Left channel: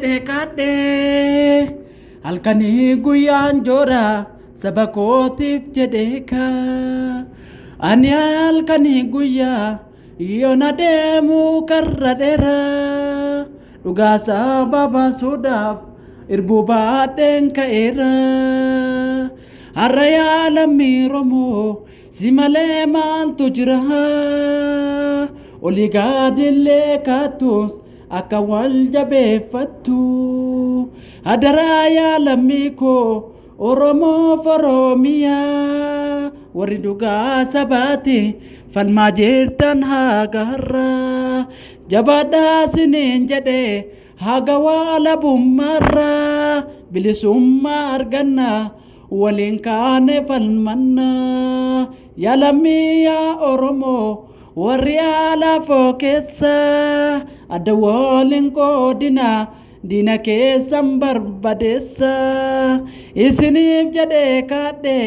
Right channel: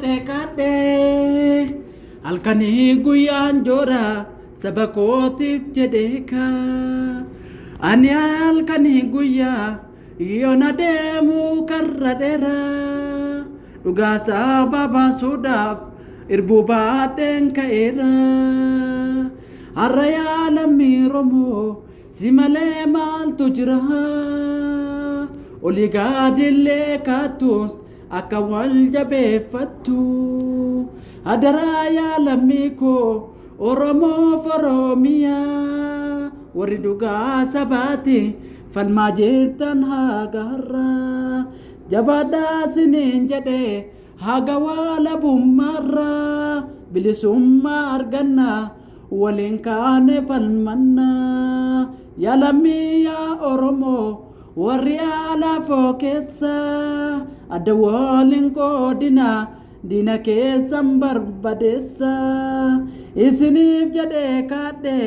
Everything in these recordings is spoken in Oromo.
jedhekadhe halkani guyyaan jora sabakotif jedheka ani halkani guyya yona demu karradera dugasa baba sudaf irbu baden kaera araya lamiromo simale mal tujra oligadille katus akawal jabefatu adaraya lamiko oromo foromia wariduga sabati falmajirtan hagarra jabada sinin jade hagawala bummarra bilisumma arganna walin kane falmanna ya lamia oromo warriala fokessa adawolin kodina dina keessan barbadessa isinif jedhe kadhe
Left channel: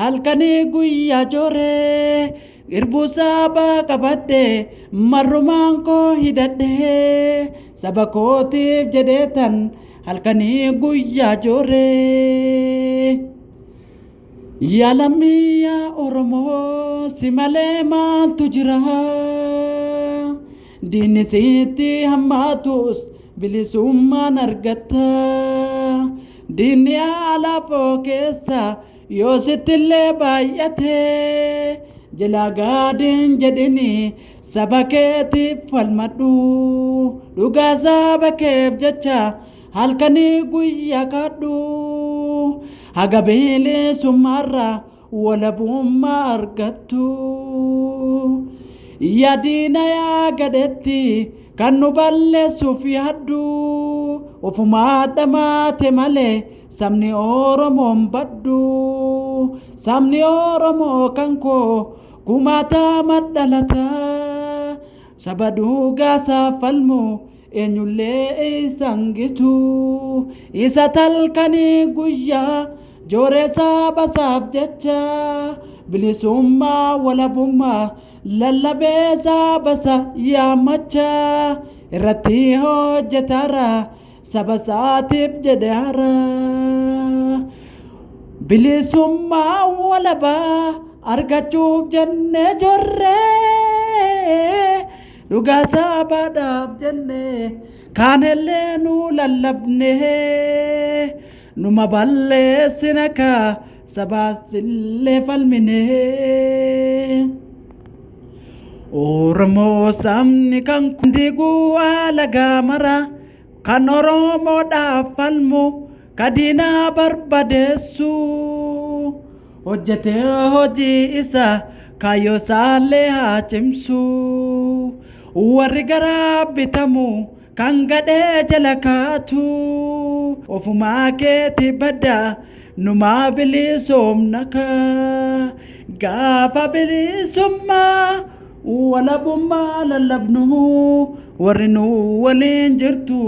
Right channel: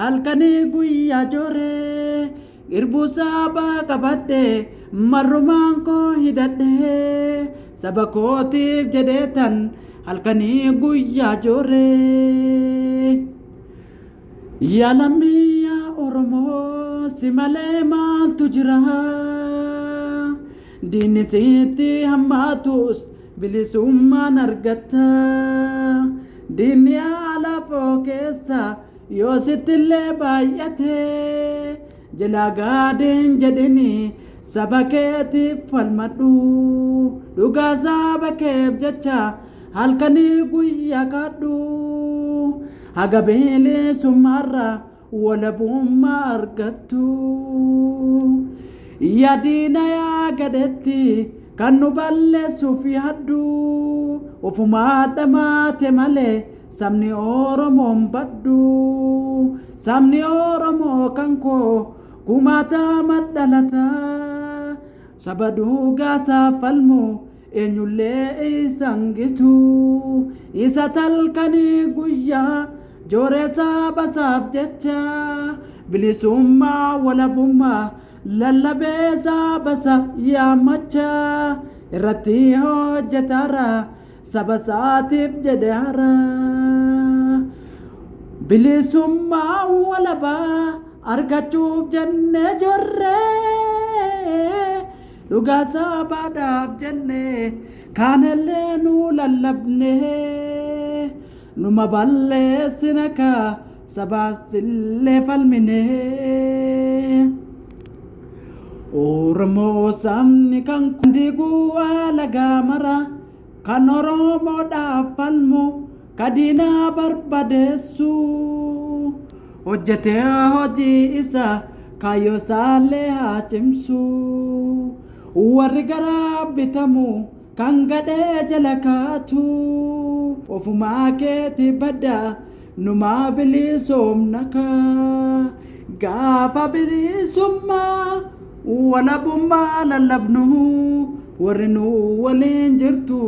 halkani guyya jore irbusa ba qabadhe marrumaan koo hidhadhe sabakootiif jedheetan halkani guyya jore yaalamiya oromoo simale maaltu jira diinni sitti hammaatus bilisummaan argatta diinni alaafoo keessa yoo sittillee baay'ate jalaa gaadin jedhini saba keetiif falmadhu dhugaa saba keef jecha halkanii guyyaa kadhu haga bilisummaarra walabummaa argattu yaadina yaa gadeetti kan nu balleessuuf yaaddu ofumaa dhamaate malee sabni oromoon baddu sabni oromoo kan koo kumaatama dhalata saba dhuugaasaa falmu eenyullee isangitu isa talkanii guyyaa jooree sabasaaf jecha bilisummaa walabummaa lallabee sabasa yaamacha irratti hojjetara sabasaatiif jedhara bilisummaa walabaa argachuuf jenne jorre dhugaa sabaadhaaf jenne kaanillee nu lallabne numa balleessina ka sabaasillee falmine oromoo sabni kan kundiguu alagaa mara kan oromoodhaaf falmu kadinaa barbadeessu hojjetee hojii isa kaayyoo isaallee haa cimsu warri garaa bitamu kan gadhee jala kaatu ofumaa keeti badda numaa bilisoomnaka gaafa bilisummaa walabummaa lallabnu warri nu waliin jirtu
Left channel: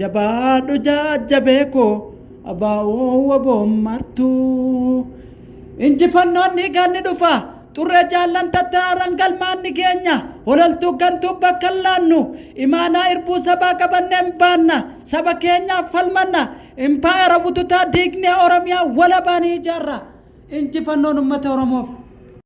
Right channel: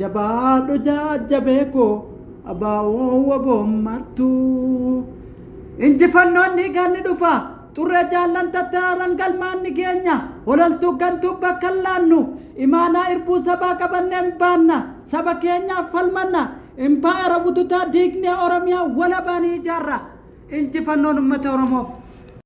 jabaadhu jajjabeeko abaa'oo waboommartu injifannoon dhiigaan ni dhufa turre jaallantattaaran galmaan ni keenya holaltuu gantuu bakka laannu imaanaa irbuu sabaa qabanneen baanna saba keenyaaf falmanna impaayera bututaa diignee oromiyaa walabaanii ijaarra injifannoon ummata oromoof